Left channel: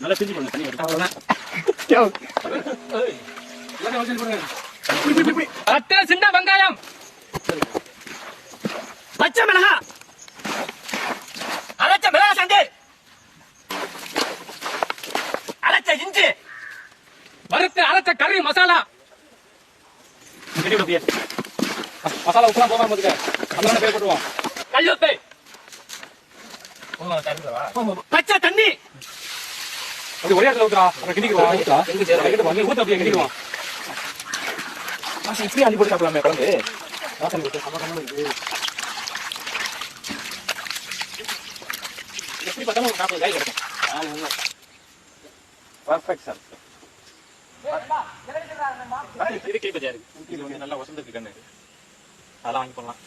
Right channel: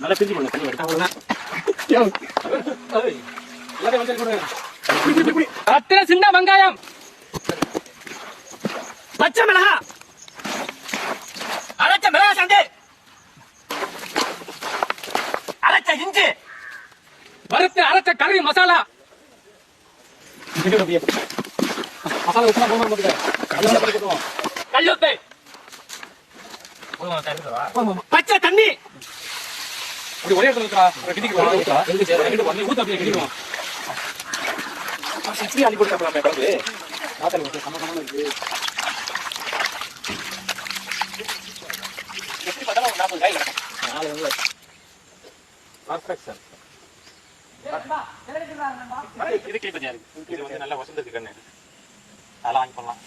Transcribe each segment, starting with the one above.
நல்லா பிரிஞ்சு போடுங்க தண்ணி ரத்தின சின்ன வெங்காயம் பச்சை மிளகா அரைச்ச மிளகா சண்டு அரைச்ச இஞ்சி வறுத்து அரைச்ச கறி மசாலா மசாலா உப்பா போடுவோம் கல்லுப்பை பச்சை தண்ணி ஒரே ஊத்தா கிண்டிக்குவோம் ஊத்த அப்படியே கிண்டிக்குவோம் இப்படி அடி போட்டாப்லாமே பர்ஃபெக்ட் சார் இது கிளிப் சார் இது வந்து நல்லா வசந்தத்துக்கு கண்ணு அதெல்லாம் ஆன் பண்ணலாம்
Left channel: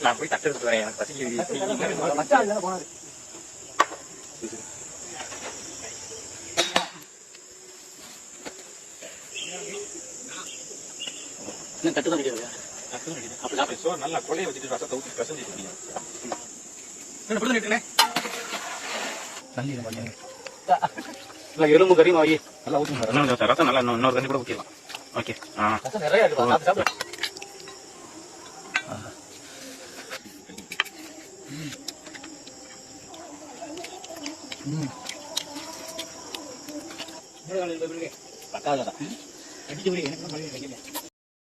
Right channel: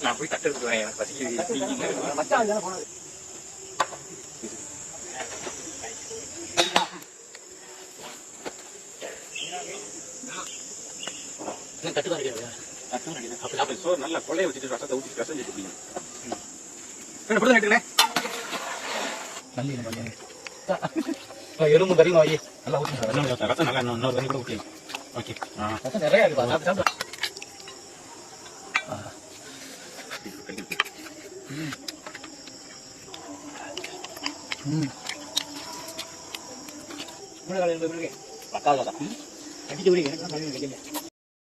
நான் போய் தட்டு வரேன் எனக்கு பசி நல்லா கொலையை வச்சுட்டு ரசத்தை ஊற்றி பிசைஞ்சிட்டு எலும்பு கறி நோய் நல்லா ஊற்றி ரசம் நல்லா இன்னொரு தண்ணி கூட ஊற்றிடலாம். ஓகே நிறைய பக்காதான் அடிக்க